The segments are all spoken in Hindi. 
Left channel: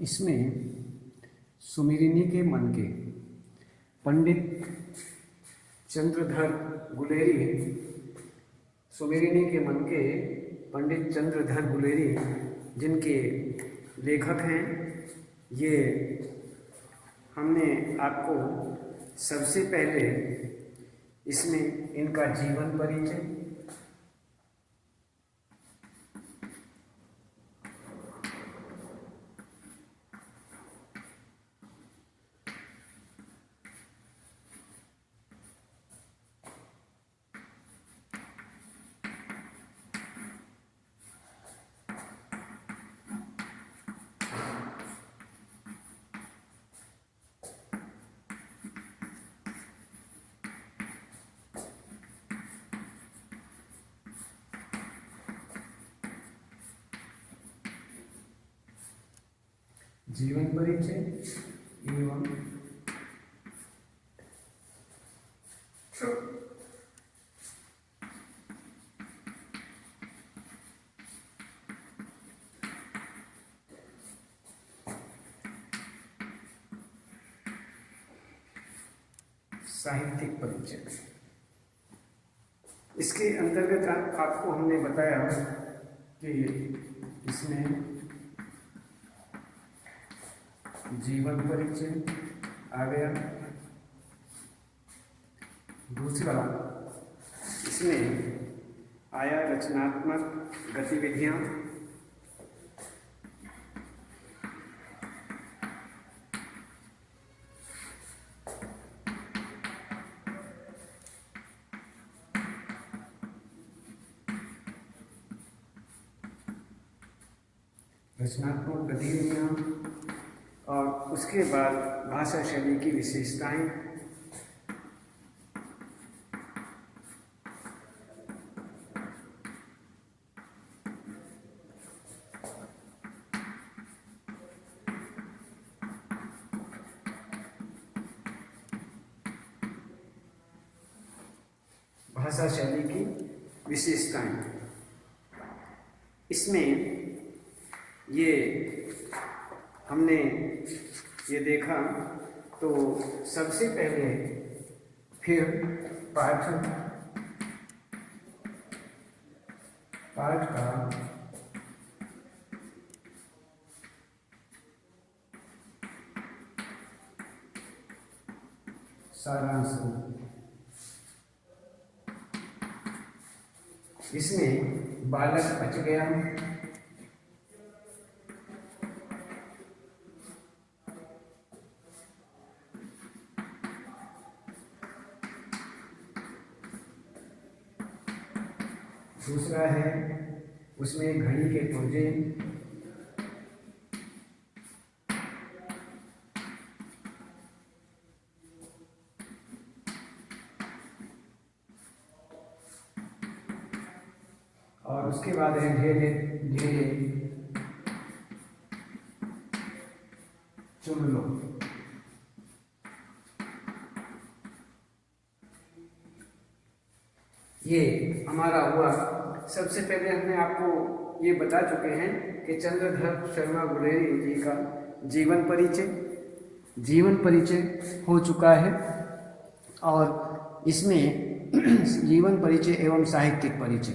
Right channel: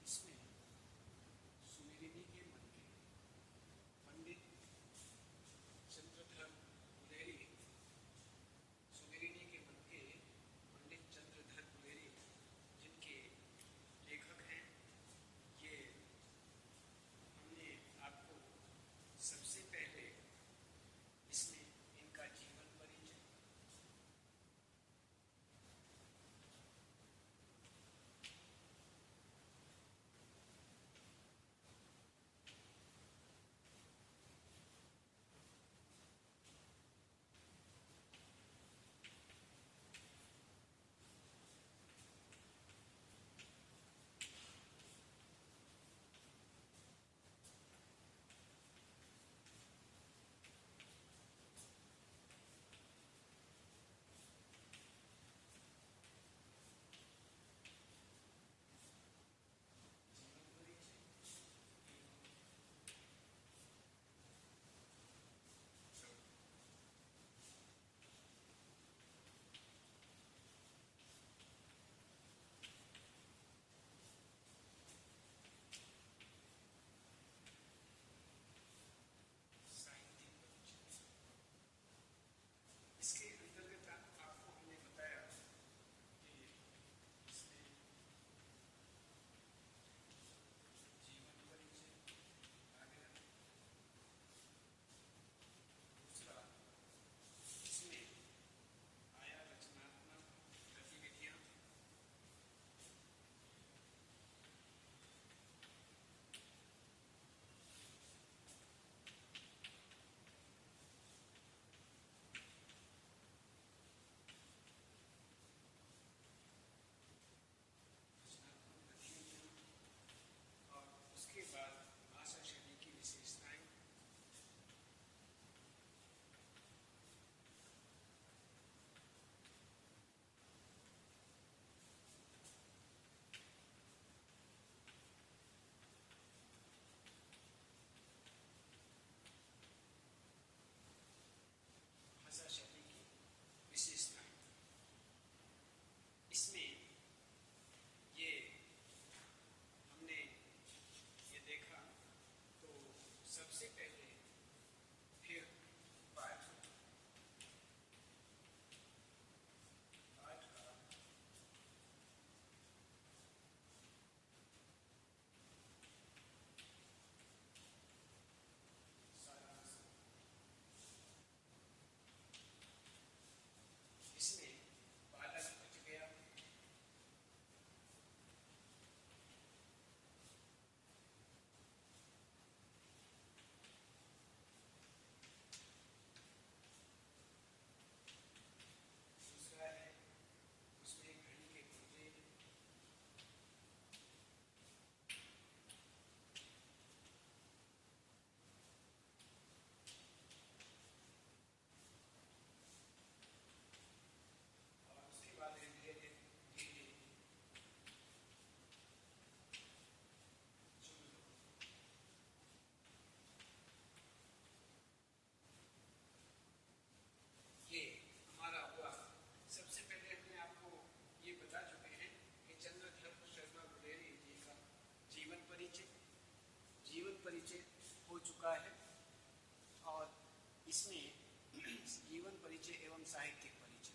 इसमें सुमिरिनी के मन के पंडित चंद्रधर गुलेरी, सुमिरिनी के मन के पंडित चंद्रधर गुलेरी जिनके लेखक हैं, ये हमने आपको सबसे पहले इसमें इनका जीवन परिचय, जीवन परिचय एवं साहित्यिक परिचय। इसके अंतर्गत आपको हमने बताया कि इसमें जीवन परिचय आ गया, दूसरा इसमें आया रचनात्मक गतिविधियां, और उसके बाद भाषा शैली की विशेषताएं, भाषा शैली की विशेषताएं। इसमें ये हमने ये देखा तो सबसे पहले फिर पाठ का सारांश, इसमें बालक बच गया, दूसरा है उसमें घड़ी के पुर्जे, और उसके बाद है ढेले ढेले चुन लो। ये हमारा हुआ। सबसे पहले हमने आपको ये बता चुके हैं कि चंद्रधर शर्मा गुलेरी जी का जीवन परिचय हो चुका है, और इसमें जीवन परिचय एवं साहित्यिक परिचय,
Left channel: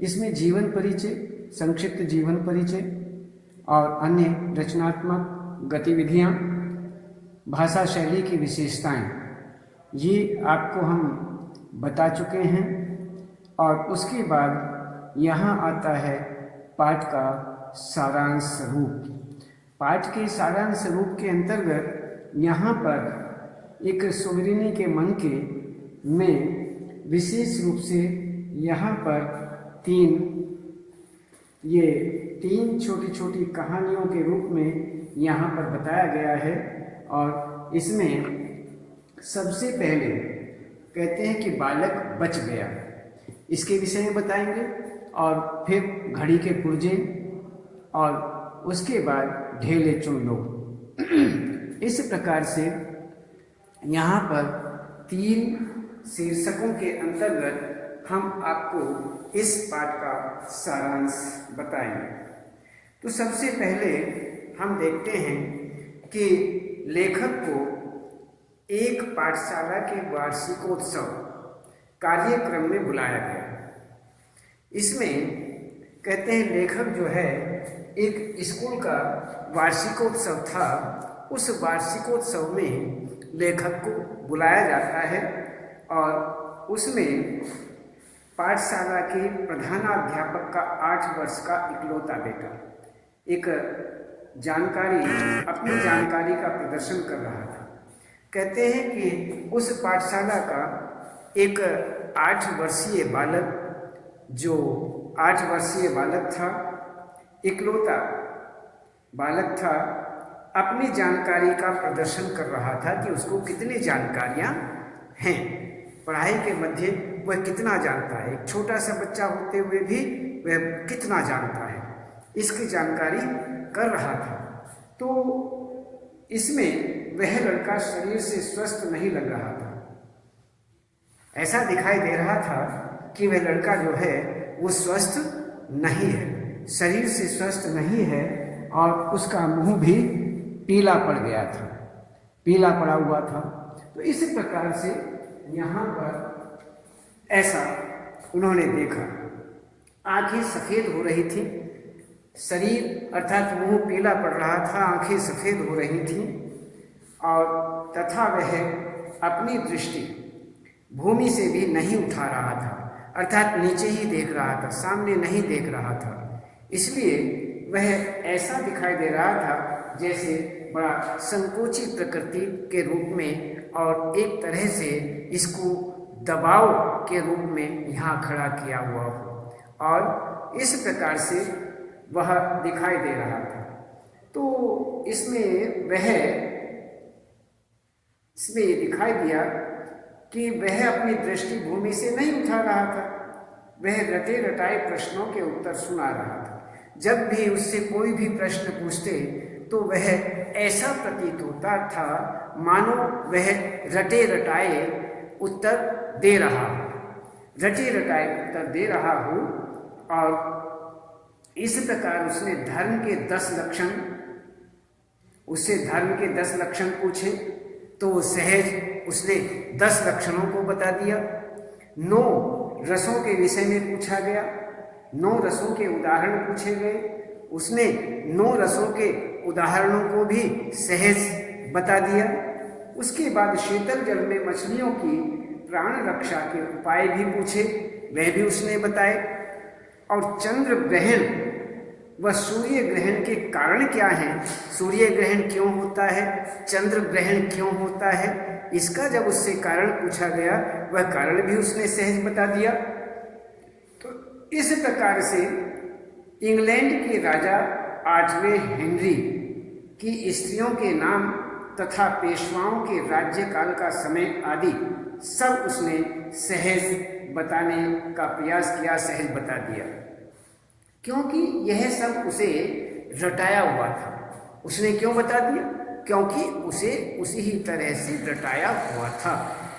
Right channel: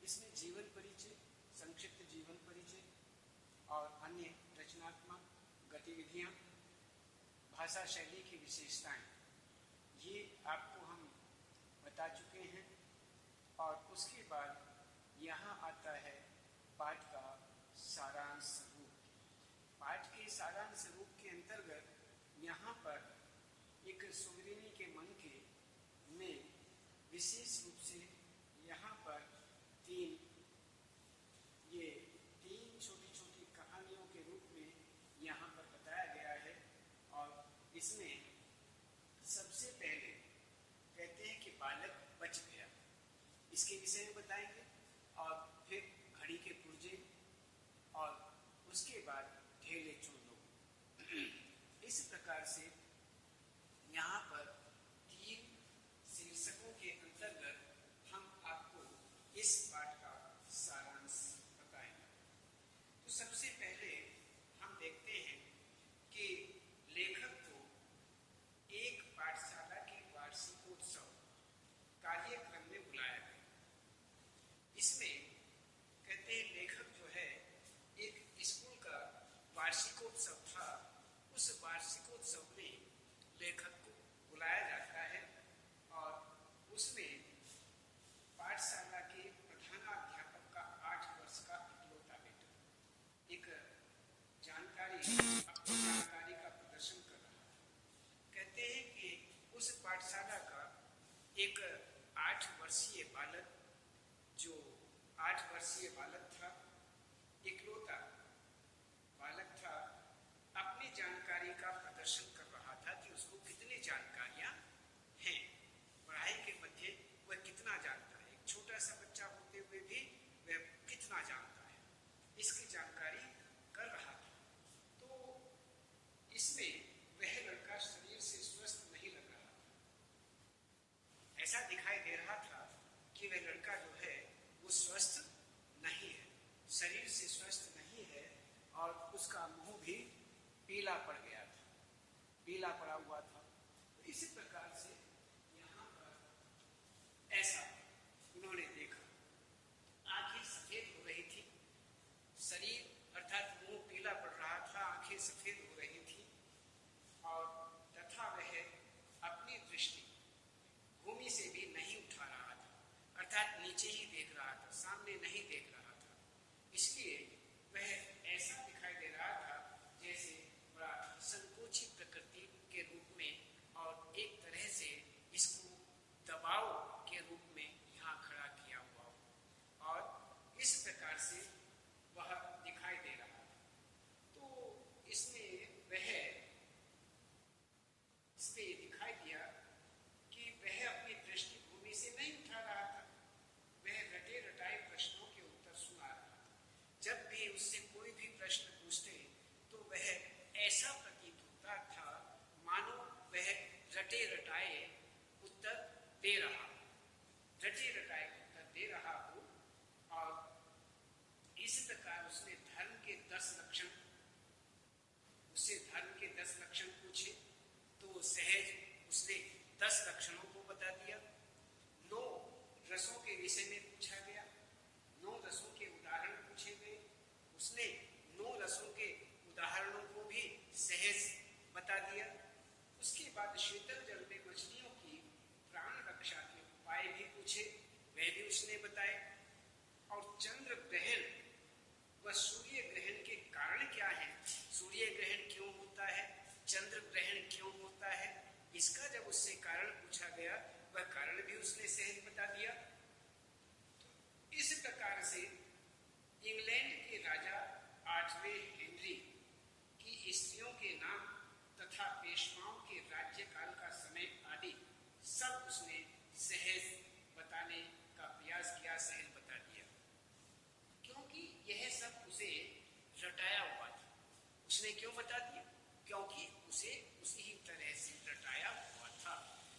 इसमें जीवन परिचय, संक्षिप्त जीवन परिचय और अन्य रचनात्मक गतिविधियां, भाषा शैली की विशेषताएं, ये आपको हम बता चुके हैं। और उसके बाद यहाँ आता है पाठ का सारांश रूप। पाठ के सारांश रूप के अंतर्गत यहाँ पर एक सुमिरिनी के मन के में विशेष रूप से यहाँ पर तीन छोटी छोटी कहानियों के रूप में यहाँ पर बताया गया है। और इसमें सबसे पहले कहते हैं कि बालक बच गया, इसके विषय में बताएंगे, और फिर घड़ी के पुर्जे, और उसके बाद ढेले चुन लो। इस प्रकार से यहाँ पर 3 शीर्षकों के अंतर्गत हम आपको इस पाठ का सारांश बताएंगे। तो सबसे पहले हम देखते हैं कि लेखक को एक पाठशाला के वार्षिकोत्सव कार्यक्रम में बुलाया गया। इसमें कहते हैं लेखक जो है एक स्कूल का वार्षिकोत्सव था, उस वार्षिकोत्सव में लेखक को बुलाया जाता है और उसमें पाठशाला के प्रधानाध्यापक का 8 वर्ष का इकलौता बेटा एक अपनी जानकारी का प्रदर्शन कर रहा था। कहते हैं कि उस पाठशाला का एक 8 वर्षीय बालक, जो 8 वर्षीय बालक था, इकलौता बालक था, अपनी जानकारी का प्रदर्शन कर रहा था कि उसको कितनी जानकारियां हैं, पढ़ाई के मध्य वह कितना जानता है। एक छोटा सा बच्चा होते हुए भी वह कितना जानता है, इसकी जानकारी कर रहा था। तो इसमें वह लड़का शरीर से स्वस्थ नहीं लग रहा था। ऐसा दिखाई दे रहा था कि वह लड़का जो है वो स्वस्थ नहीं है, शरीर से स्वस्थ नहीं है और उसका मुंह भी पीला पड़ गया था, पीला पड़ा हुआ था। तो इस प्रकार से यहाँ पर ऐसा उन्होंने देखा। आंखें सफ़ेद हो रही थी, शरीर अर्थात मुंह पीला पड़ रहा था, आंखें सफ़ेद हो रही थी और तथा वह अपनी दृष्टि भूमि से भी नहीं उठा रहा था, अर्थात नीचे ही देख रहा था, सामने नहीं देख रहा था। इसलिए वह ऐसा दिखाई दे रहा था जैसे बड़ा संकोची प्रकृति के रूप में और एक तरह से इसको दबाव के रूप में यहाँ खड़ा किया हुआ हो, और इस प्रकार से वह दिखाई दे रहा था। तो इसमें ये दिखाई दिया कि वह अपनी दृष्टि भूमि से नहीं उठा रहा था, वह रटे रटाए प्रश्नों के उत्तर सुना रहा था। जब भी उससे कोई भी प्रश्न पूछते तो वह ऐसा प्रतीत होता था मानो वह रटे रटाए उत्तर दे रहा हो, रटे रटाए उत्तर दे रहा हो। और इस प्रकार उसने धर्म के 10 लक्षण, उससे धर्म के 10 लक्षण पूछे तो सहज उसने 10 लक्षणों को बता दिया। 9 रसों के विषय में पूछा गया, 9 रसों के उदाहरण पूछे गए, उसने 9 रसों के उदाहरणों को भी सहज बता दिया। उसके बाद शीतल जल में मछलियों की प्राण रक्षा के उपाय भी पूछे, वह भी उसने बताए। और चंद्र ग्रहण व सूर्य ग्रहण के कारण क्या हैं, सूर्य ग्रहण क्यों होता है, चंद्र ग्रहण क्यों होता है, इसका जब उससे कारण पूछा गया वह कारण भी उसने सहज बता दिया। तो इस प्रकार से इंग्लैंड के राजा 8वें हेनरी की स्त्रियों के नाम तथा पेशवाओं के राज्यकाल का समय आदि सब उसने सहज बताने का प्रयास किया, सहज बता दिया, क्योंकि यह सब उसे रटाया हुआ था। उसने क्यों बता दिया? क्योंकि उसे उसी ही तरह से रटाया हुआ था,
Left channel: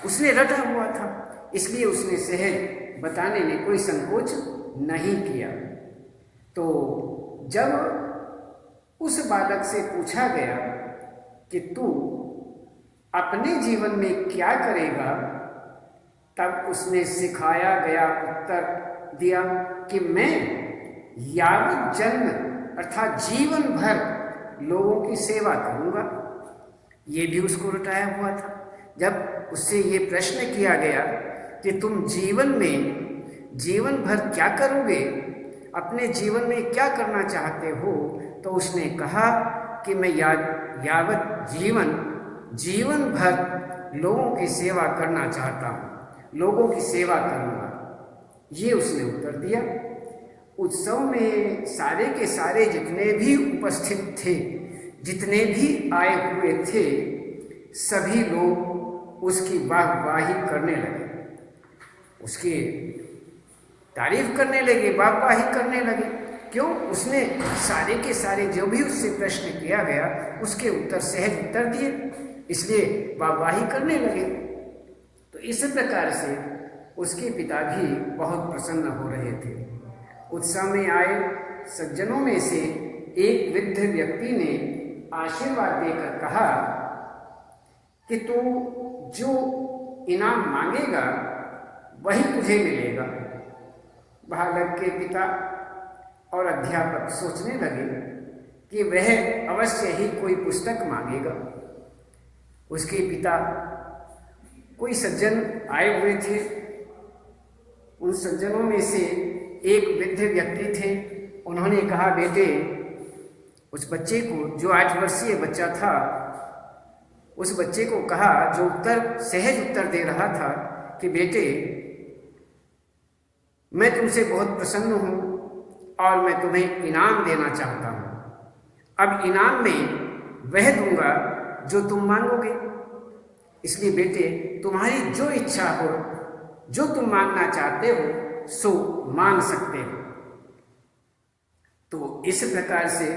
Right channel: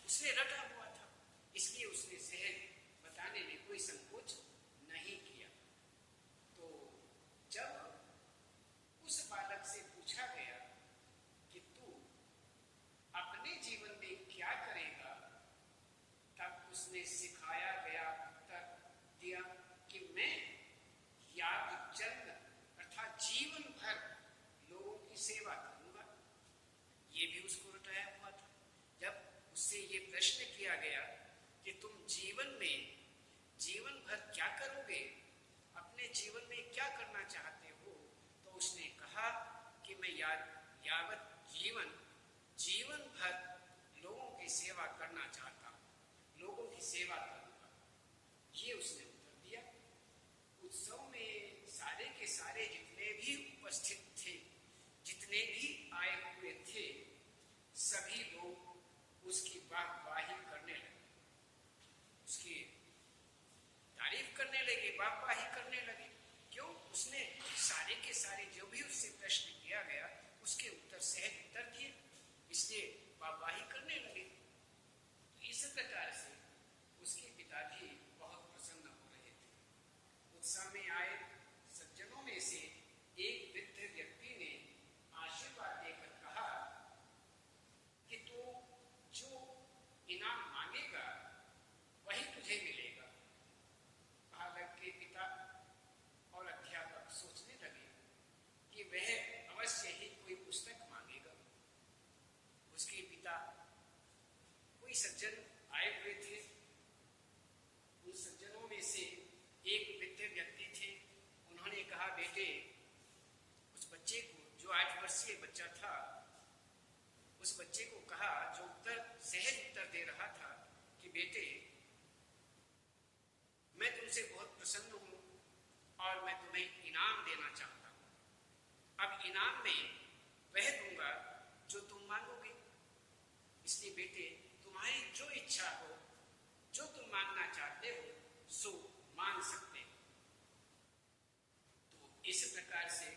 उसने रटा हुआ था, इसलिए उसने सहज बताने में कोई संकोच नहीं किया। तो जब उस बालक से पूछा गया कि तू अपने जीवन में क्या करेगा, तब उसने सिखाया गया उत्तर दिया कि मैं यावत जन्म अर्थात जीवन भर लोगों की सेवा करूंगा। ये भी उसको रटाया हुआ था। जब उससे ये प्रश्न किया गया कि तुम जीवन भर क्या करोगे, अपने जीवन में क्या करना चाहते हो, तो उसने कहा कि मैं यावत जीवन भर लोगों की सेवा करना चाहता हूँ, लोगों की सेवा करूँगा। ये उसने उत्तर दिया। उत्सव में सारे के सारे जितने भी उपस्थित थे, जितने भी आए हुए थे, सभी लोग उसकी वाहवाही करने लगे, उसकी तारीफ करने लगे, वाहवाही करने लगे। क्यों? उसने सारे के सारे जो भी उससे प्रश्न किया गया उसके उत्तर सहज उत्तर दिए, इसलिए वाहवाही करने लगे। तो इस प्रकार से उसके पिता भी बहुत प्रसन्न हो रहे थे। उत्सव में आए सज्जनों में से एक वृद्ध व्यक्ति ने आशीर्वाद देकर कहा कि तू जो इनाम मांगेगा वही तुझे मिलेगा। बालक के पिता और अध्यापक सोचने लगे कि वह अवश्य ही कोई पुस्तक मांगेगा। उसके पिता कोई सज्जन आए हुए थे। उन सज्जनों में से एक वृद्ध व्यक्ति थे। उन्होंने कहा, बेटे, उस बच्चे को, जो 8 वर्षीय बच्चा था, उस बच्चे को कहा, जो सहज उत्तर दे रहा था कि बेटे, मैं तुमसे बहुत प्रसन्न हूं और मैं तुम्हें इनाम देना चाहता हूं। अब इनाम में वह दूंगा जो तुम मांगोगे, इसलिए बेटे, तुम्हारी जो इच्छा हो, जो तुम मांगना चाहते हो, सो मांग सकते हो। तो इस प्रकार से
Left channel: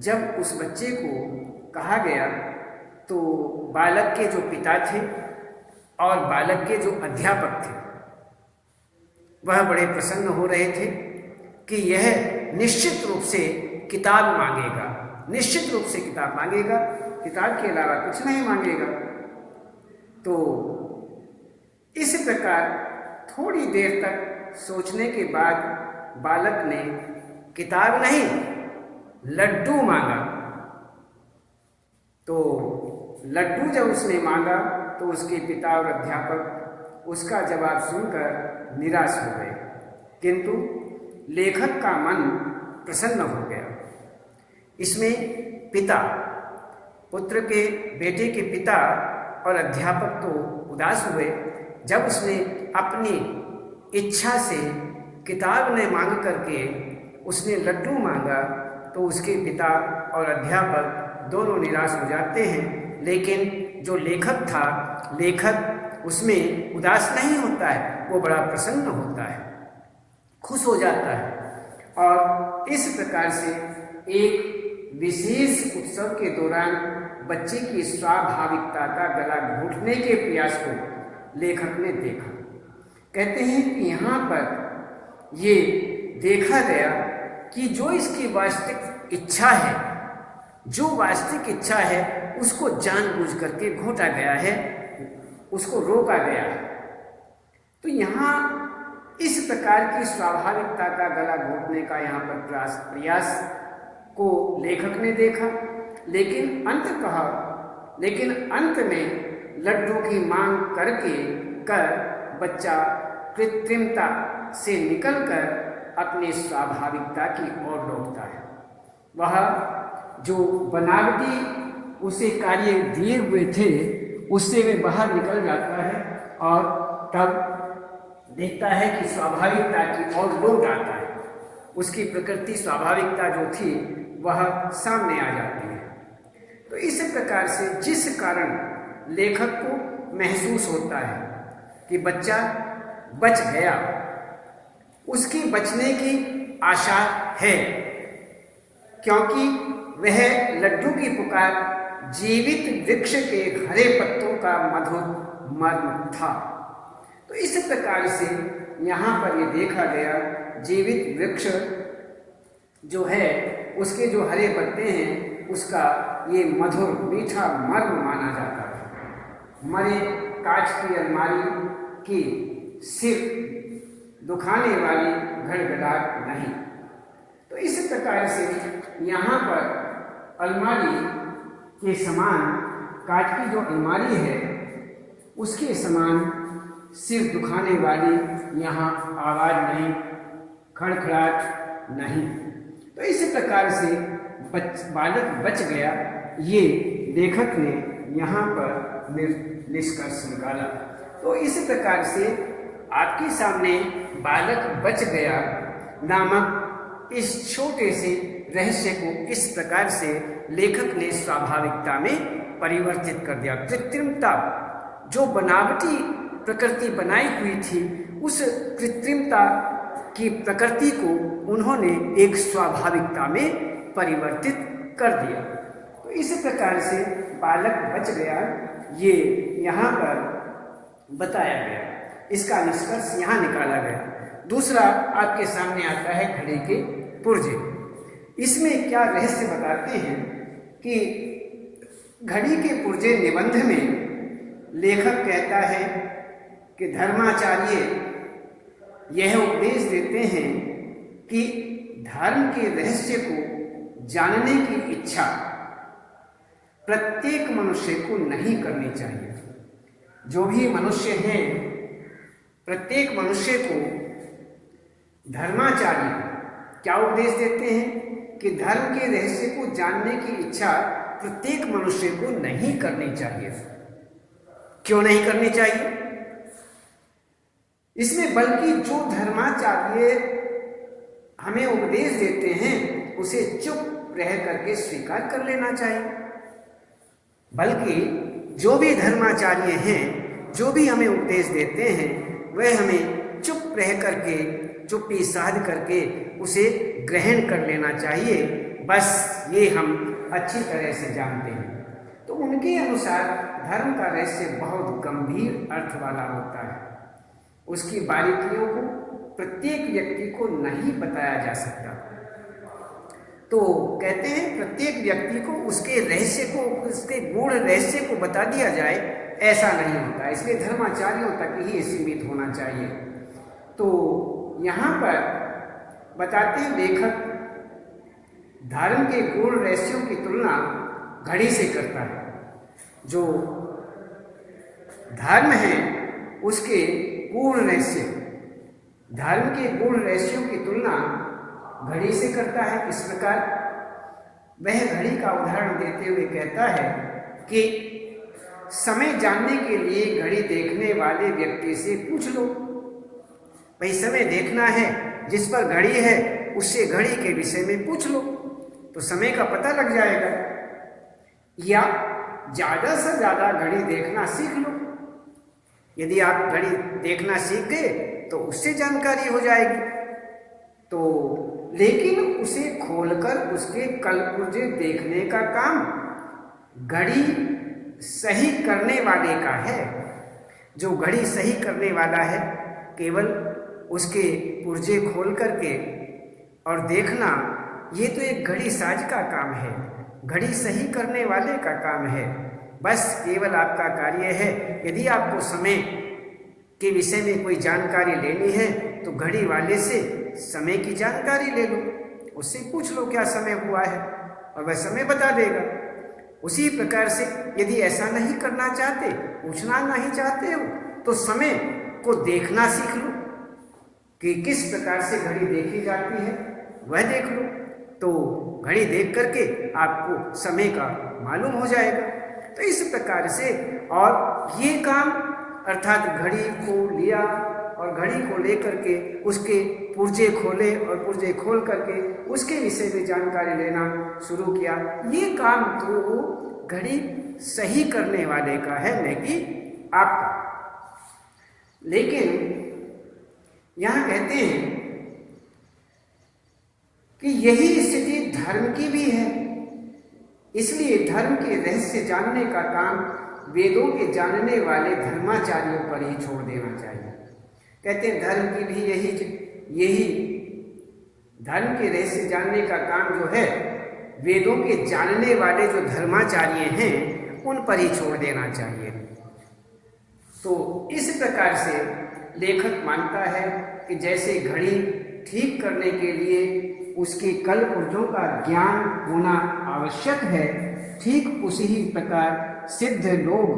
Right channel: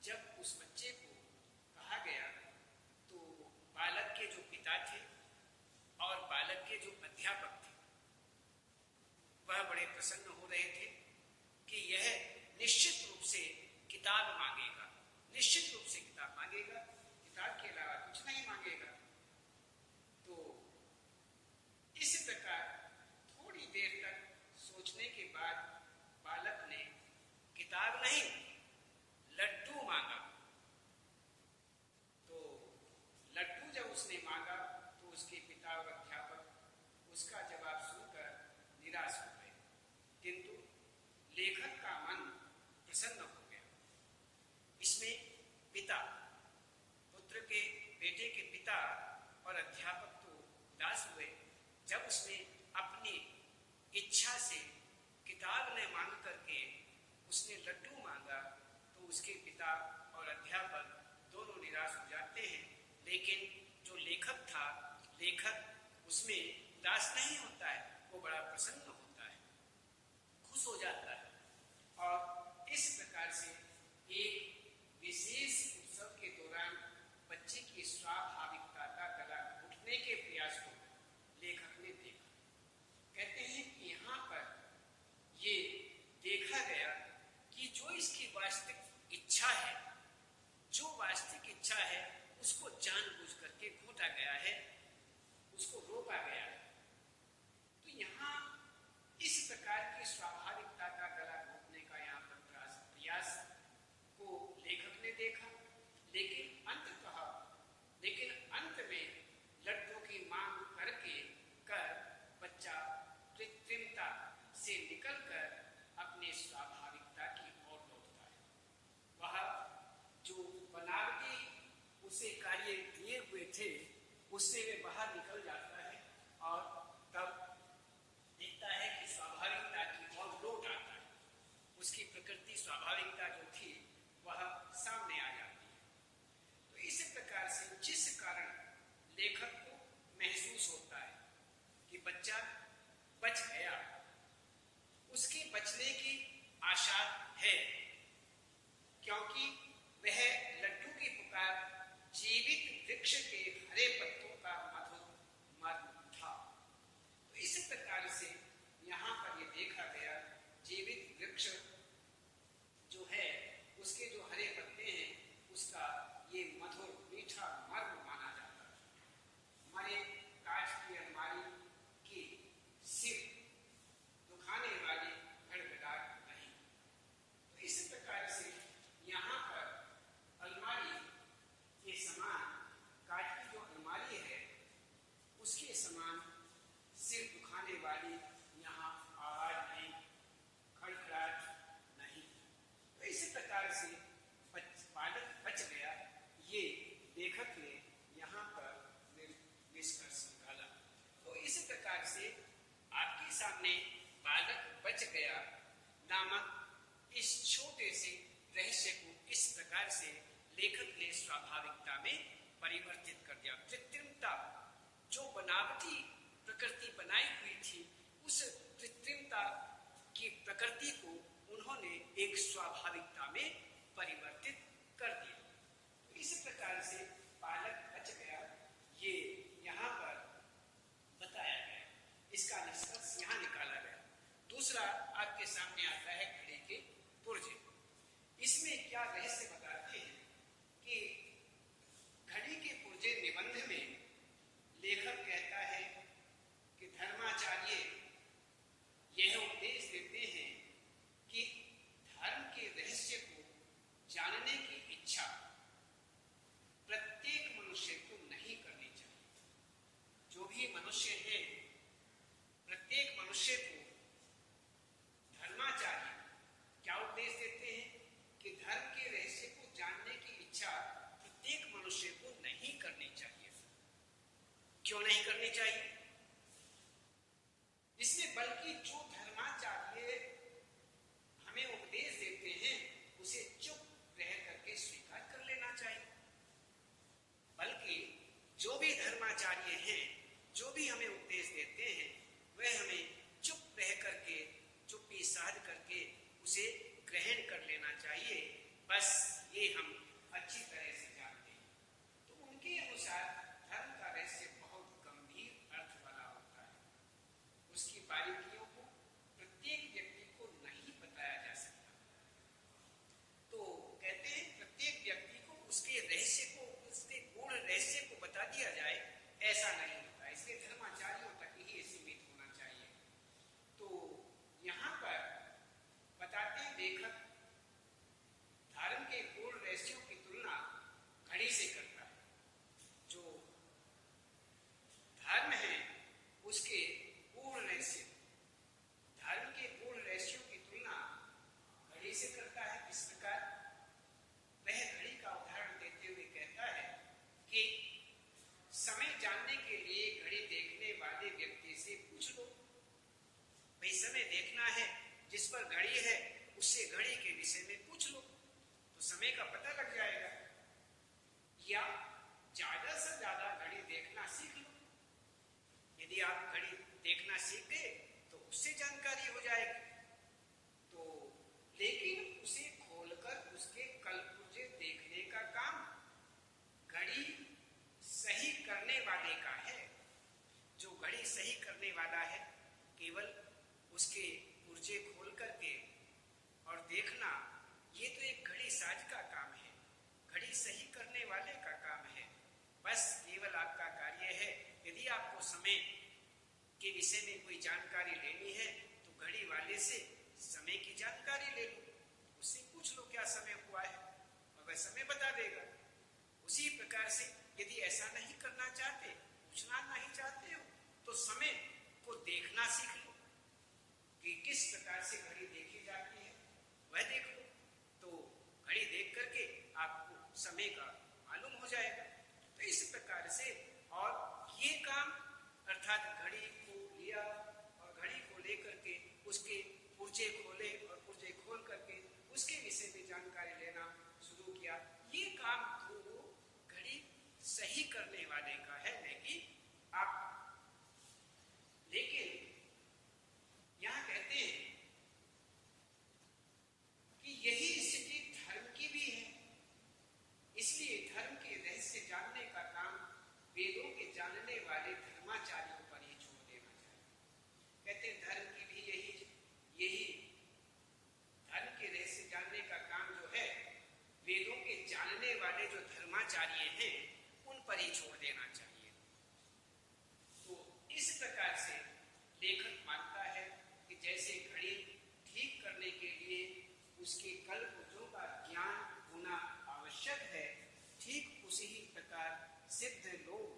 जब उस बच्चे को कहा गया तो बालक के जो पिता थे और बालक के जो अध्यापक थे वह बड़े प्रसन्न हो रहे थे कि यह निश्चित रूप से किताब मांगेगा, निश्चित रूप से किताब मांगेगा, किताब के अलावा कुछ नहीं मांगेगा। तो इस प्रकार थोड़ी देर तक सोचने के बाद बालक ने किताब नहीं, लड्डू मांगा। तो लड्डू जब उसने मांगा तो उसके पिता और अध्यापक उसका जवाब सुनकर निराश हो गए, किंतु लेखक का मन प्रसन्न हो गया। इसमें पिता, पुत्र के, बेटे के पिता और अध्यापक तो उदास हुए जब उसने अपनी इच्छा से किताब ने मांग करके उसने लड्डू मांगा, तो उसके पिता और अध्यापक दोनों निराश हो जाते हैं। लेकिन जो लेखक था, लेखक उसमें उदास नहीं होता है, वो बड़ा प्रसन्न होता है, खुश हो जाता है। और इस प्रकार से एक विशेष उत्सव के दौरान बच्चे की स्वाभाविकता का गला घोटने के प्रयास को लेखक ने देखा। कहते हैं कि यहाँ पर ये देखा गया कि जो इसकी वास्तविक इच्छा है, जो वास्तविक इच्छा है, उसको जानबूझ करके घोटा गया है, उसको रोका गया है। तो यहाँ इस प्रकार की स्वाभाविकता का गला घोटने का यहाँ पर प्रयास को लेखक ने देखा। लेकिन अंत में लड्डू की मांग कर बच्चा कृत्रिमता से निकलकर अपनी स्वाभाविकता की ओर लौटता है। वह जो बनावटी उसे कार्य दिए हुए थे उससे वे बाहर निकल जाता है और तब देखता है कि स्वाभाविकता की ओर लौट आता है। उसकी प्रकृति, स्वाभाविकता जो थी वह सामने आ जाती है। तो इस प्रकार से जिस कारण लेखक को महसूस होता है कि बच्चा बच गया, उसकी बचने की आशा है, क्योंकि वह लड्डू की पुकार जीवित वृक्ष के हरे पत्तों का मधुर मर्म था। तो इस प्रकार से यहाँ पर ये देखा गया, जीवित वृक्ष जो है उसके जो हरे पत्ते हैं उसका ये मधुर मीठा मर्म माना जाता है। मरे कांच की अलमारी की सिर्फ दुखाने वाली घड़घड़ाहट नहीं। तो इस प्रकार से यहाँ पर अलमारी के समान, कांच की जो अलमारी है उसके समान सिर दुखाने वाली यहाँ आवाज नहीं, खड़खड़ाहट नहीं। तो इस प्रकार से बालक बच गया, ये लेखक ने यहाँ पर निष्कर्ष निकाला। तो इस प्रकार से आपके सामने बालक बच गया नामक इस छोटे से रहस्य को इस प्रकार से लेखक ने स्वाभाविकता में परिवर्तित कर दिया। कृत्रिमता, जो बनावटी प्रकृति बनाई हुई थी, उस कृत्रिमता की प्रकृति को उन्होंने एक स्वाभाविकता में परिवर्तित कर दिया। तो इस प्रकार से बालक बच गया, ये यहाँ पर बताया गया, इसका निष्कर्ष यहाँ निकाला गया। दूसरा आपके सामने आता है घड़े के पुर्जे। इसमें क्या रहस्य बताते हैं कि घड़ी के पुर्जे निबंध में लेखक कहता है कि धर्माचार्य यह उपदेश देते हैं कि धर्म के रहस्य को जानने की इच्छा प्रत्येक मनुष्य को नहीं करनी चाहिए। जो भी मनुष्य हैं, प्रत्येक मनुष्य को धर्माचार्य क्या उपदेश देते हैं कि धर्म के रहस्य को जानने की इच्छा प्रत्येक मनुष्य को नहीं करनी चाहिए। क्यों नहीं करनी चाहिए? इसमें बल्कि जो धर्माचार्य हमें उपदेश देते हैं उसे चुप रह करके स्वीकार कर लेना चाहिए। बल्कि जो भी धर्माचार्य हैं, जो भी हमें उपदेश देते हैं, वह हमें चुप रह करके, चुप्पी साध करके उसे ग्रहण कर लेना चाहिए। बस ये हम अच्छी तरह से जानते हैं। तो उनके अनुसार धर्म का रहस्य बहुत गंभीर अर्थ वाला होता है। उसकी बारीकियों को प्रत्येक व्यक्ति को नहीं बताया जा सकता। तो कहते हैं प्रत्येक व्यक्ति को उसके रहस्य को, उसके गूढ़ रहस्य को बता दिया जाए, ऐसा नहीं होता। इसलिए धर्माचार्यों तक ही सीमित होना चाहिए। तो यहाँ पर बताते हैं लेखक धर्म के गूढ़ रहस्यों की तुलना घड़ी से करता है। जो धर्म है उसके गूढ़ रहस्य, धर्म के गूढ़ रहस्यों की तुलना घड़ी से करता है। इस प्रकार वह घड़ी का उदाहरण देते हुए कहता है कि समय जानने के लिए घड़ी देखने वाले व्यक्ति से पूछ लो। भाई समय देखना है, जिस पर घड़ी है उससे घड़ी के विषय में पूछ लो तो समय का पता लग जाएगा। या ज्यादा से ज्यादा घड़ी देखना सीख लो। यदि आप घड़ी देखना सीख गए तो उससे जानकारी हो जाएगी। तो लेकिन उसे खोलकर उसके कलपुर्जे देखने का काम घड़ी सही करने वाले का है। जो घड़ी सही करने वाला है, केवल उसके पुर्जे खोल करके और देखना, ये तो एक घड़ी साज का काम है, घड़ी सही करने वाले का काम है। बस केवल आपका कार्य है, यदि आपको समय के विषय में कोई जानकारी लेनी है तो घड़ी वाले से समय की जानकारी ले लो, उससे पूछ लो क्या समय हुआ है और वह समय बता देगा। उसी प्रकार से यदि ऐसा नहीं करना चाहते, पूछना नहीं चाहते हो, तो समय को देखना सीख लो कि किस प्रकार से घड़ी देखी जाती है, वह देख लो। तो घड़ी देख करके आपको समय का मालूम हो जाएगा। तो इस प्रकार से, और ये काम अर्थात घड़ी को लिया और घड़ी को लेकर के उसके पुर्जे खोले और पुर्जे खोल करके उसके विषय में जानकारी लेना शुरू किया, ये काम तो घड़ी सही करने वाले का है, न कि आपका। लेकिन यहाँ कहते हैं कि यही स्थिति धर्म की भी है। इसलिए धर्म के रहस्य जानने का काम वेदों के जानने वाले धर्माचार्यों पर ही छोड़ देना चाहिए। कहते हैं धर्म की भी यही धर्म के रहस्य जानने का काम जो है वेदों के जानने वाले जो धर्माचार्य हैं उन पर ही छोड़ देना चाहिए। तो इस प्रकार से लेखक मानता है कि जैसे घड़ी ठीक करने के लिए उसके कल पुर्जों का ज्ञान होना आवश्यक है, ठीक उसी ही प्रकार सिद्ध लोग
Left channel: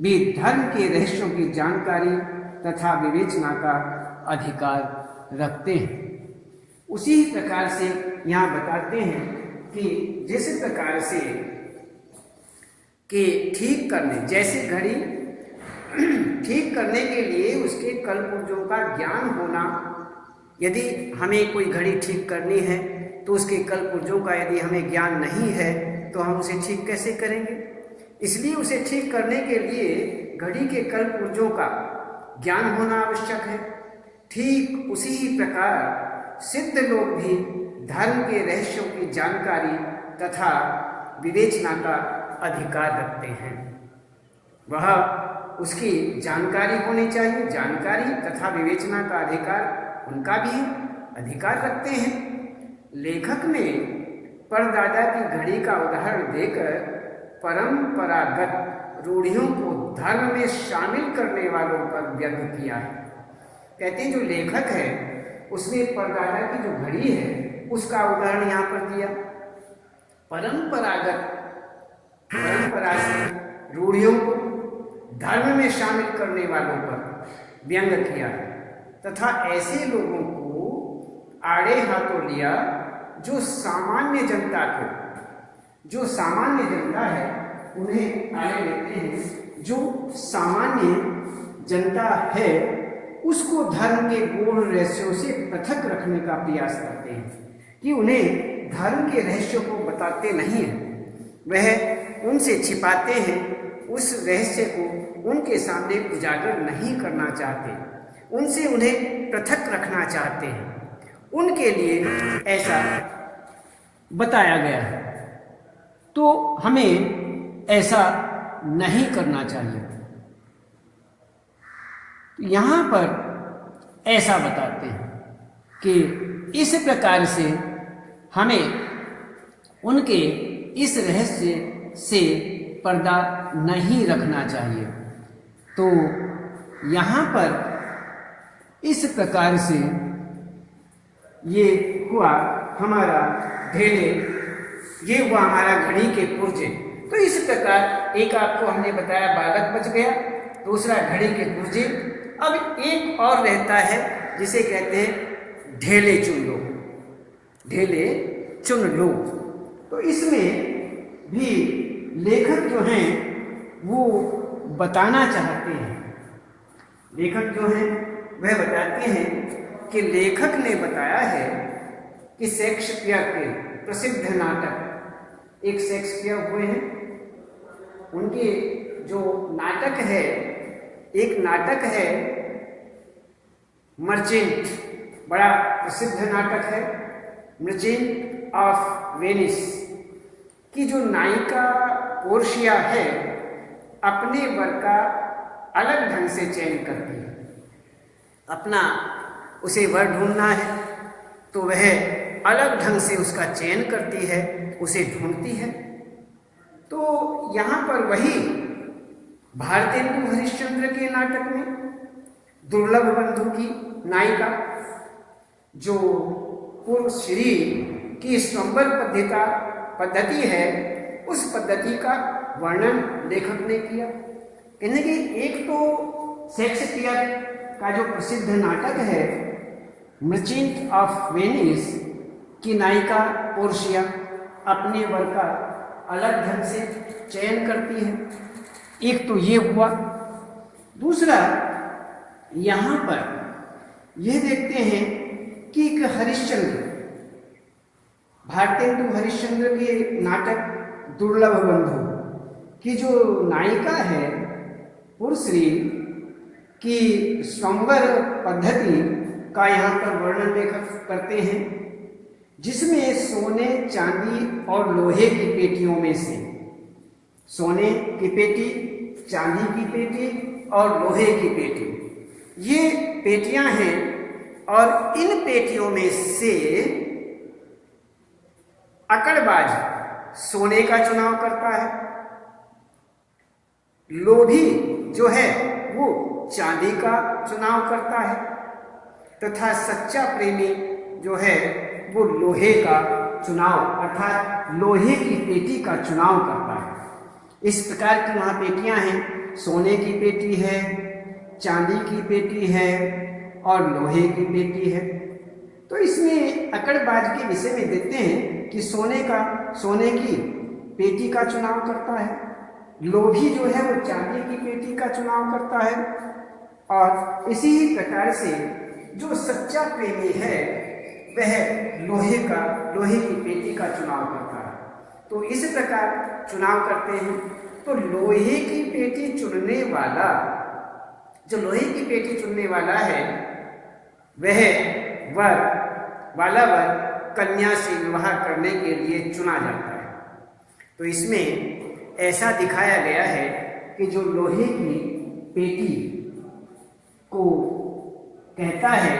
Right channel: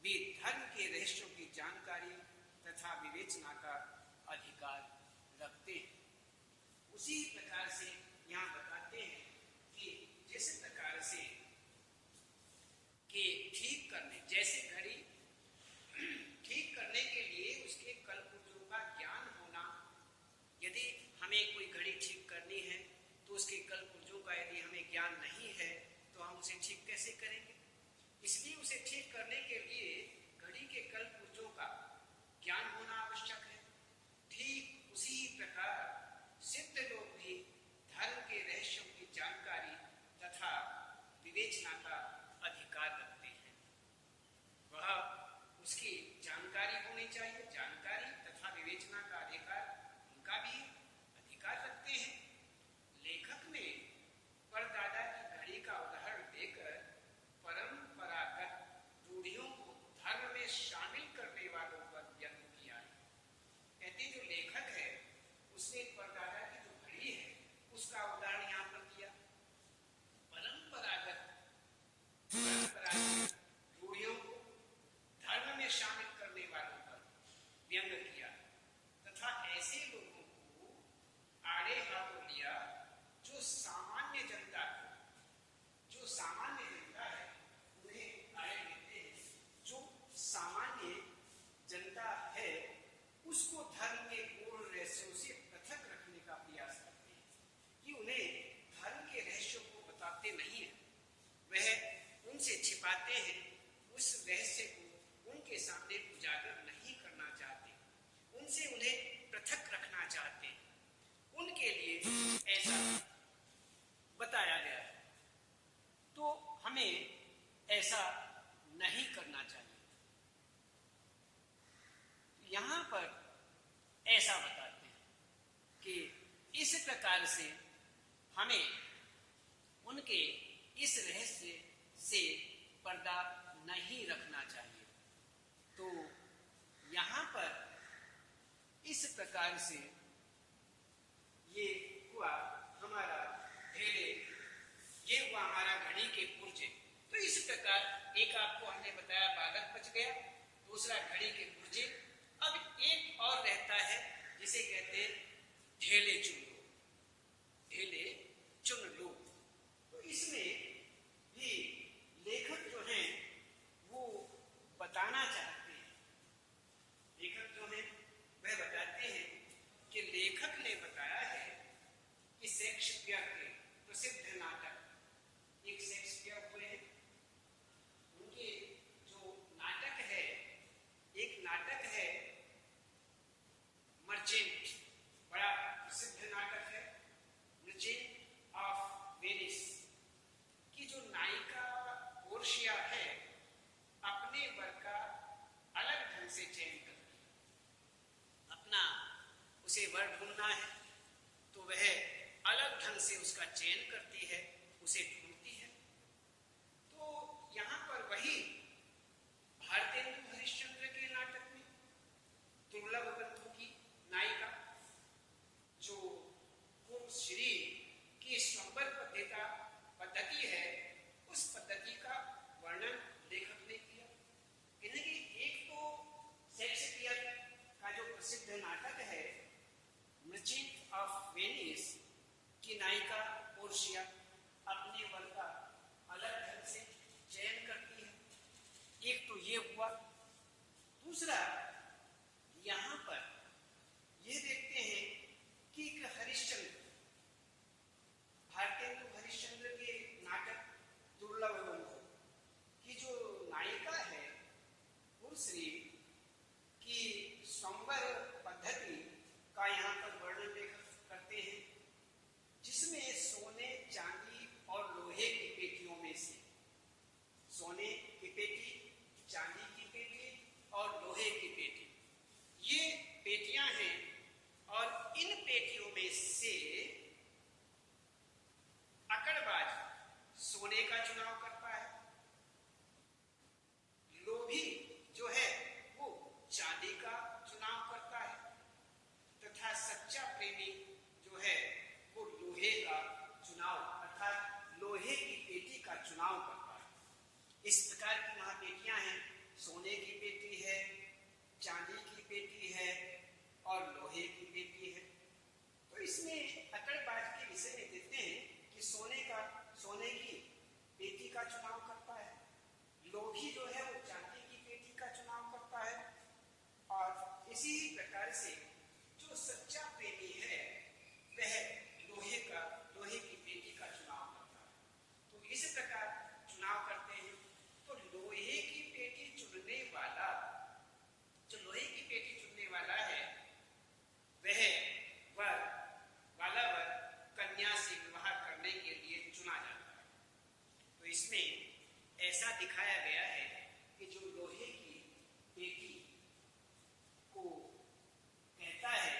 भी धर्म के रहस्यों की जानकारी तथा विवेचना का अधिकार रखते हैं। उसी प्रकार से यहाँ बताते हैं कि जिस प्रकार से कि ठीक करने, जैसे घड़ी ठीक करने के लिए उसके कल पुर्जों का ज्ञान होना, यदि हमें कोई घड़ी ठीक करनी है तो उसके कल पुर्जों का यदि हमें ज्ञान नहीं है तो हम उसे ठीक कैसे करेंगे। इसलिए उसे ठीक करने के लिए घड़ी के कल पुर्जों का ज्ञान होना आवश्यक है। ठीक उसी प्रकार सिद्ध लोग भी धर्म के रहस्यों की जानकारी तथा विवेचना का अधिकार रखते हैं। वह उसकी जानकारी होनी चाहिए, जानकारी तथा विवेचना का अधिकार उनका भी अधिकार रखते हैं। लेखक ने परदादा की घड़ी का उदाहरण देकर परंपरागत रूढ़ियों को धर्म में शामिल करने वालों पर व्यंग किया है। कहते हैं जो लेखक है उसने परदादा की जो घड़ी है उसका उदाहरण यहाँ पर दिया, परंपरागत रूढ़ियों को धर्म में शामिल करने वालों पर व्यंग किया है तथा ऐसे लोगों को आड़े हाथों लिया जो सामान्य जनता है उन्हें आड़े लेते हैं। जो सामान्य जनता है उसको धर्म के गूढ़ रहस्यों से पृथक रखने का प्रयास करते हैं कि उन्हें धर्म के रहस्यों को बताते नहीं हैं, वह उनसे छिपाते हैं, उस रहस्य को उनके सामने उजागर नहीं करना चाहते, उनसे उन्हें पृथक रखना चाहते हैं, उनके लिए ऐसा बताया गया है। तो हमें ऐसा नहीं करना चाहिए। यहाँ पर ऐसा बताते हैं कि इस प्रकार से हमें उनके इस रहस्य से पर्दा नहीं रखना चाहिए। तो यहाँ पर इस प्रकार से ये हुआ हमारा ढेले, ये हुआ हमारा घड़ी के पुर्जे। तो इस प्रकार एक आपको हमने बताया बालक बच गया, दूसरा घड़ी के पुर्जे। अब एक और रहता है जिसे कहते हैं ढेले चुन लो, ढेले चुन लो। तो इसमें भी लेखक जो हैं वो बताना चाहते हैं, लेखक जो हैं वह बताते हैं कि लेखक ने बताया है कि शेक्सपियर के प्रसिद्ध नाटक, एक शेक्सपियर हुए हैं, उनके जो नाटक है, एक नाटक है मर्चेंट, बड़ा प्रसिद्ध नाटक है मर्चेंट ऑफ वेनिस की जो नायिका पोर्शिया है अपने वर का अलग ढंग से चयन करती है। अपना उसे वर ढूंढना है तो वह अलग ढंग से उसका चयन करती है, उसे ढूंढती है। तो यहाँ पर वही भारतेंदु हरिश्चंद्र के नाटक में दुर्लभ बंधु की नायिका जो पूर्व श्री की स्वयंवर पद्धति है, उस पद्धति का वर्णन लेखक ने किया। कहने कि एक तो शेक्सपियर का जो प्रसिद्ध नाटक है मर्चेंट ऑफ वेनिस की नायिका पोर्शिया अपने वर का अलग ढंग से चयन करती है, एक तो ये हुआ। दूसरा यहाँ पर यह देखते हैं कि एक हरिश्चंद्र, भारतेंदु हरिश्चंद्र के नाटक दुर्लभ बंधु की जो नायिका है पुरश्री की स्वयंवर पद्धति का यहाँ पर वर्णन लेखक करते हैं, जिसमें सोने चांदी और लोहे की पेटियों में से, सोने की पेटी, चांदी की पेटी और लोहे की पेटी, ये पेटियां हैं और इन पेटियों में से अकड़बाज सोने का चुनाव करता है, लोभी जो है वो चांदी का चुनाव करता है तथा सच्चा प्रेमी जो है वो लोहे का चुनाव अर्थात लोहे की पेटी का चुनाव करता है। इस प्रकार की वहाँ पेटियां हैं, सोने की पेटी है, चांदी की पेटी है और लोहे की पेटी है। तो इसमें अकड़बाज के विषय में देखते हैं कि सोने की पेटी का चुनाव करता है, लोभी जो है वो चांदी की पेटी का चुनाव करता है और इसी प्रकार से जो सच्चा प्रेमी है वह लोहे की पेटी का चुनाव करता है। तो इस प्रकार चुनाव करते हैं। तो लोहे की पेटी चुनने वाला, जो लोहे की पेटी चुनने वाला है वह वर कन्या से विवाह करने के लिए चुना जाता है। तो इसमें ऐसा दिखाया गया है कि जो लोहे की पेटी को कहता है,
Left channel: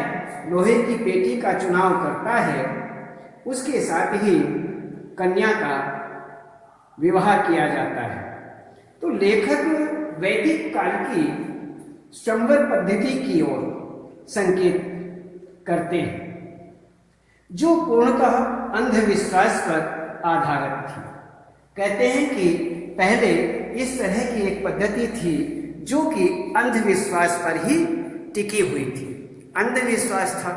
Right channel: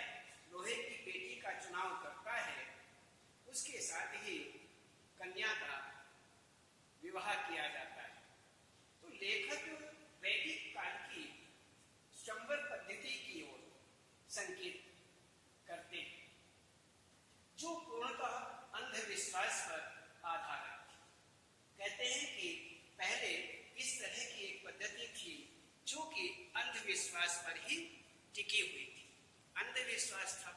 लोहे की पेटी का चुनाव करता है, उसके साथ ही कन्या का विवाह किया जाता है। तो लेखक वैदिक काल की स्वयंवर पद्धति की ओर संकेत करते हैं, जो पूर्णतः अंधविश्वास पर आधारित थी। कहते हैं कि पहले इस तरह की एक पद्धति थी जो कि अंधविश्वास पर ही टिकी हुई थी, अंधविश्वास था,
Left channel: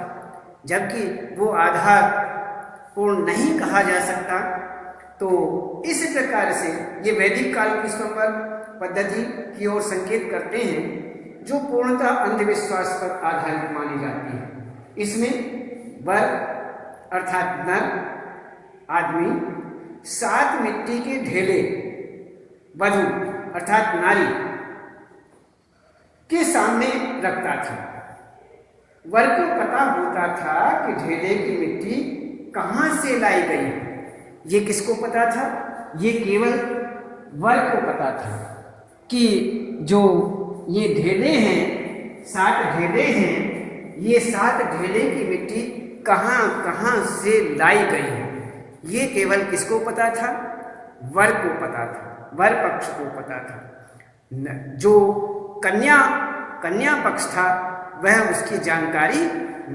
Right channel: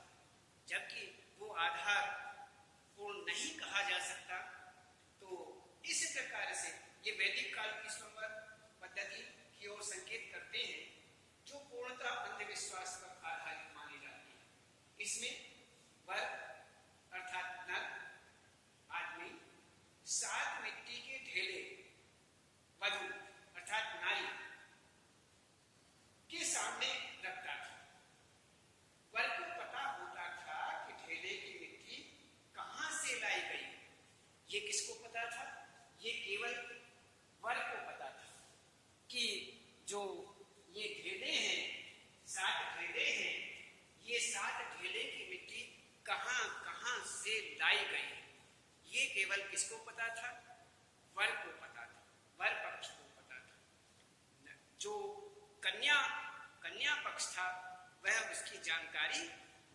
जबकि वो आधार पूर्ण नहीं कहा जा सकता। तो इस प्रकार से ये वैदिक काल की स्वयंवर पद्धति की ओर संकेत करते हैं, जो पूर्णतः अंधविश्वास पर आधारित मानी जाती है। इसमें वर अर्थात नर आदमी 7 मिट्टी के ढेले वधु अर्थात नारी के सामने रखता था। वर को पता होता था कि ढेले की मिट्टी कहां से लाई गई है। ये किसको पता था? ये केवल वर को पता था कि जो ये ढेले हैं, 7 ढेले हैं, ये 7 ढेले की मिट्टी कहां कहां से लाई गई है। ये केवल किसको पता था? वर को पता था, वर पक्ष को पता था। जो कन्या पक्ष था वह उसकी जानकारी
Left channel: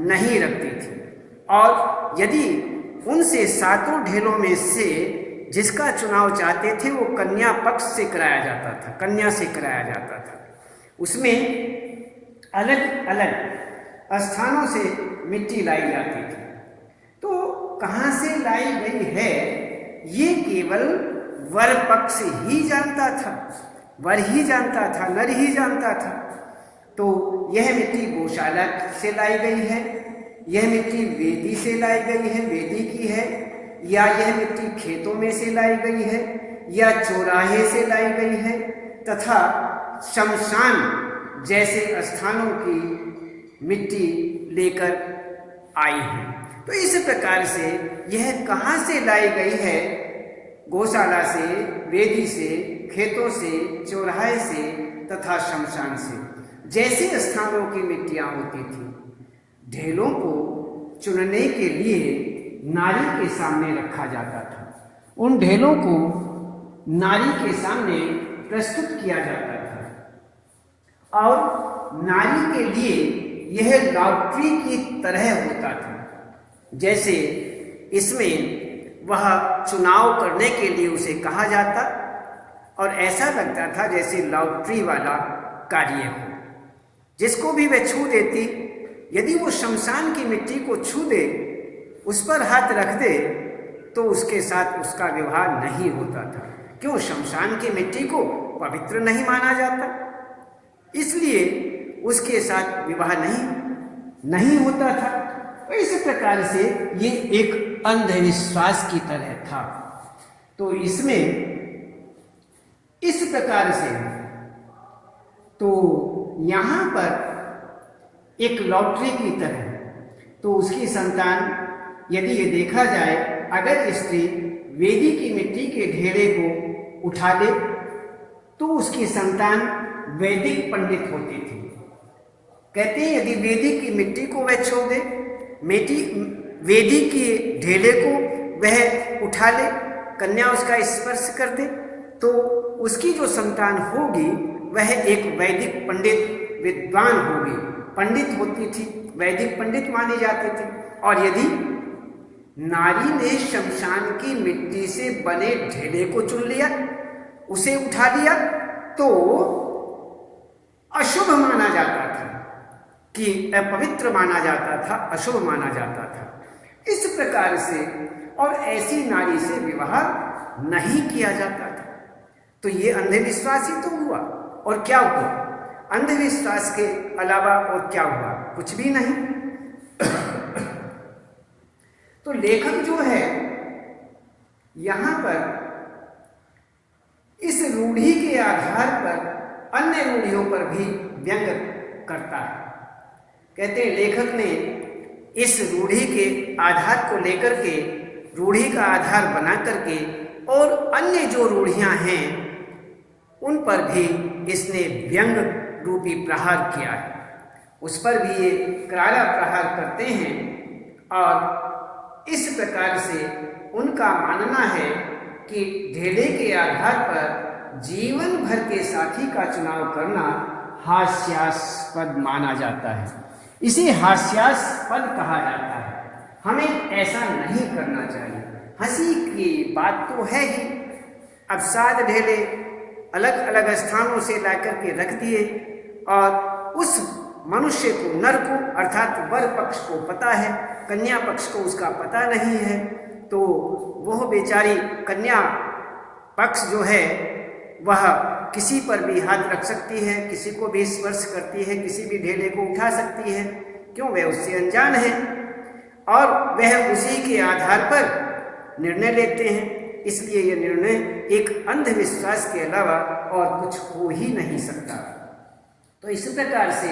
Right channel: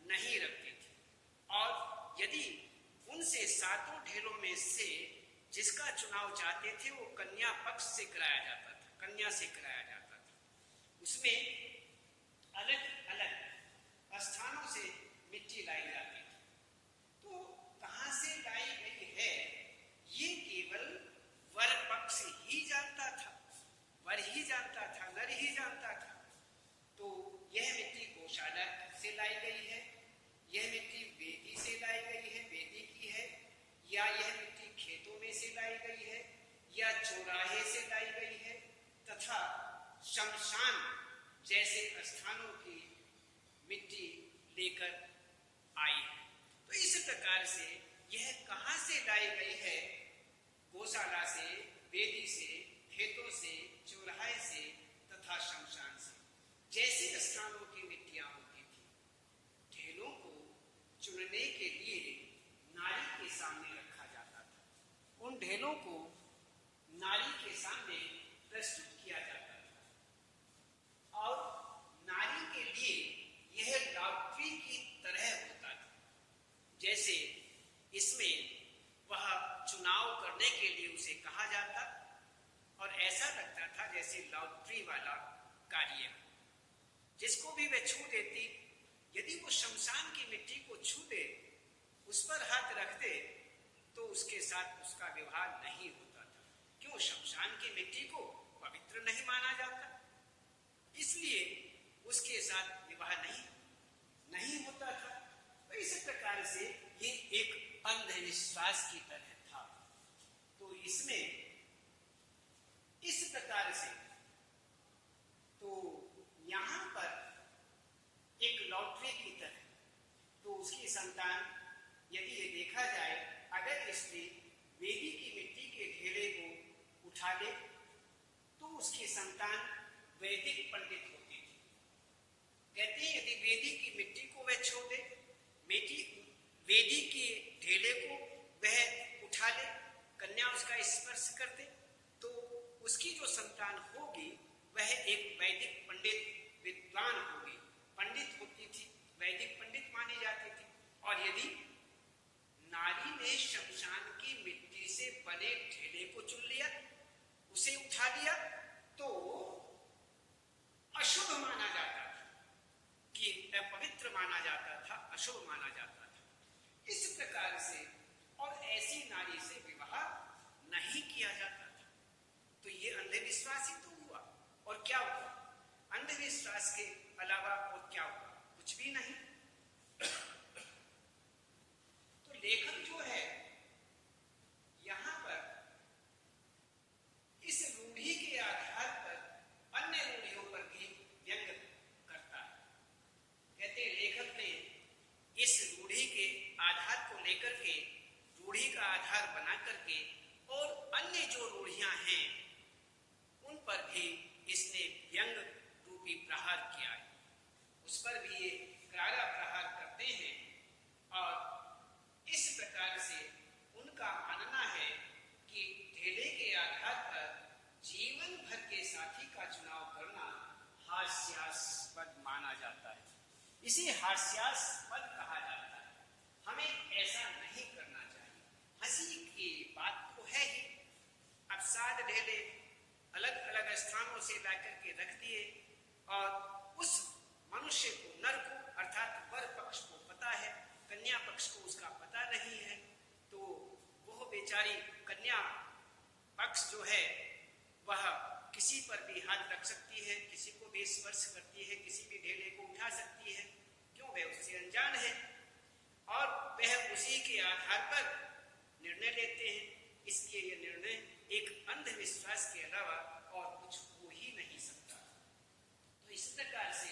नहीं रखती थी, और यदि उनसे 7 ढेलों में से जिसका चुनाव चाहते थे वो कन्या पक्ष से कराया जाता था, कन्या से कराया जाता था। उसमें अलग अलग स्थानों से मिट्टी लाई जाती थी। तो कहाँ से लाई गई है ये केवल वर पक्ष ही जानता था, वर ही जानता था, नर ही जानता था। तो यह मिट्टी गौशाला से लाई गई है, यह मिट्टी वेदी से लाई गई है, वेदी की है, या यह मिट्टी खेतों में से लाई गई है, या चौराहे से लाई गई है, तथा शमशान जैसे स्थानों की मिट्टी लेकर आई है। तो इस प्रकार से यह कहाँ से लाई गई है? गौशाला से, वेदी से, खेतों से, चौराहे से तथा शमशान से, जैसे स्थानों की मिट्टियां होती थी। ढेलों को चुनने के लिए नारी के सामने रखा जाता था। उन ढेलों को नारी के सामने प्रस्तुत किया जाता था, और नारी के लिए यह लॉटरी की तरह होता था। जैसे इसमें वह चुनाव करने के लिए उसे कहा जाता, और ऐसा लगता था जैसे लॉटरी वाला कार्य हो। जिसको भी वह छू देती, यदि वो शमशान की मिट्टी को छू दे, उस पर हाथ रख दे, तो उसके साथ उसका विवाह नहीं होता था। क्यों? शमशान की मिट्टी को पवित्र नहीं माना जाता, इसलिए उसके साथ विवाह नहीं होता था। तो इस प्रकार से ये एक अंधविश्वास की तरह था। तो इसमें इस प्रकार से तो यहाँ पर एक लॉटरी की तरह, तो उसकी संतान यदि ये देखा जाए, अगर स्त्री वेदी की मिट्टी के ढेले को उठा ले तो उसकी संतान वैदिक पंडित होती थी। कहते हैं यदि वेदी की मिट्टी को वह छोड़ दे, वेदी के ढेले को वह उठा ले, कन्या उसका स्पर्श कर दे, तो उसकी जो संतान होगी वह एक वैदिक पंडित विद्वान होगी, पंडित होती थी, वैदिक पंडित मानी जाती थी। और यदि नारी ने शमशान की मिट्टी से बने ढेले को चुन लिया, उसे उठा लिया, तो अशुभ माना जाता था, कि अपवित्र माना जाता था, अशुभ माना जाता था। इस प्रकार से और ऐसी नारी से विवाह नहीं किया जाता था। तो ये अंधविश्वास ही तो हुआ। और क्या हुआ? अंधविश्वास के अलावा और क्या हुआ? कुछ भी नहीं। तो लेखक जो है यहां पर इस रूढ़ी के आधार पर अन्य रूढ़ियों पर भी व्यंग करता है। कहते हैं लेखक ने इस रूढ़ी के आधार को लेकर के, रूढ़ी का आधार बना करके, और अन्य जो रूढ़ियां हैं उन पर भी इसने व्यंग रूपी प्रहार किया है। उस पर भी ये करारा प्रहार करते हैं। और इस प्रकार से उनका मानना है कि ढेले के आधार पर जीवन भर के साथी का चुनाव करना हास्यास्पद माना जाता है, इसे हास्यास्पद कहा जाता है। हमें ऐसा नहीं करना चाहिए। हंसी की बात तो है ही। अब 7 ढेले अलग अलग स्थानों से लाकर के रख दिए और उस मनुष्य को, नर को अर्थात वर पक्ष को पता है, कन्या पक्ष को उसका पता नहीं है, तो वह बेचारी कन्या पक्ष जो है वह किसी पर भी हाथ रख सकती है, किसी को भी स्पर्श करती है, किसी भी ढेले को उठा सकती है। क्यों? वह उससे अनजान है और वह उसी के आधार पर निर्णय लेते हैं। इसलिए यह निर्णय एक अंधविश्वास के अलावा और कुछ हो ही नहीं सकता। तो इस प्रकार से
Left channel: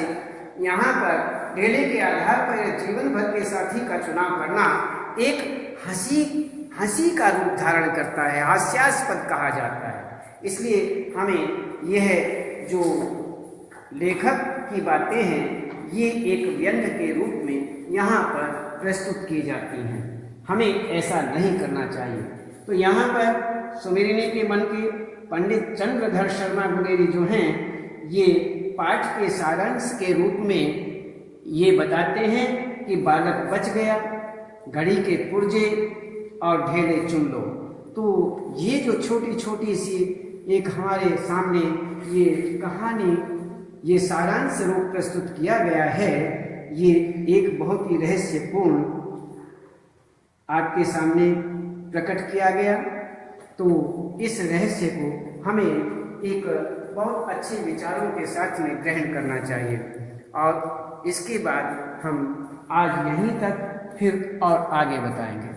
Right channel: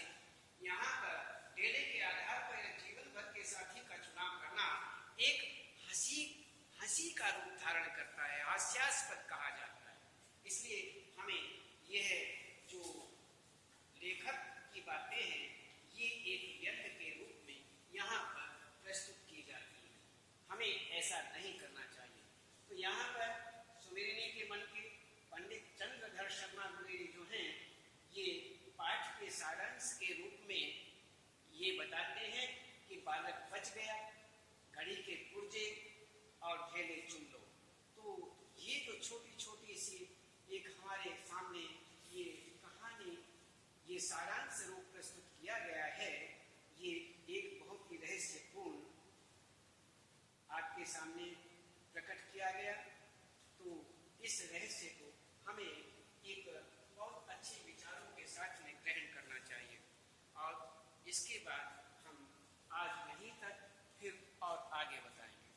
यहाँ पर ढेले के आधार पर जीवन भर के साथी का चुनाव करना एक हंसी का रूप धारण करता है, हास्यास्पद कहा जाता है। इसलिए हमें यह जो लेखक की बातें हैं ये एक व्यंग के रूप में यहाँ पर प्रस्तुत की जाती हैं। हमें ऐसा नहीं करना चाहिए। तो यहाँ पर सुमेरिनी के मन के पंडित चंद्रधर शर्मा गुलेरी जो हैं ये पाठ के सारांश के रूप में ये बताते हैं कि बालक बच गया, घड़ी के पुर्जे और ढेले चुन लो। तो ये जो छोटी छोटी सी एक हमारे सामने ये कहानी, ये सारांश रूप प्रस्तुत किया गया है, ये एक बहुत ही रहस्यपूर्ण आपके सामने प्रकट किया गया। तो इस रहस्य को हमें एक बहुत अच्छे विचारों के साथ में ग्रहण करना चाहिए और इसके बाद हम आज यहीं तक फिर और आगे बताएंगे।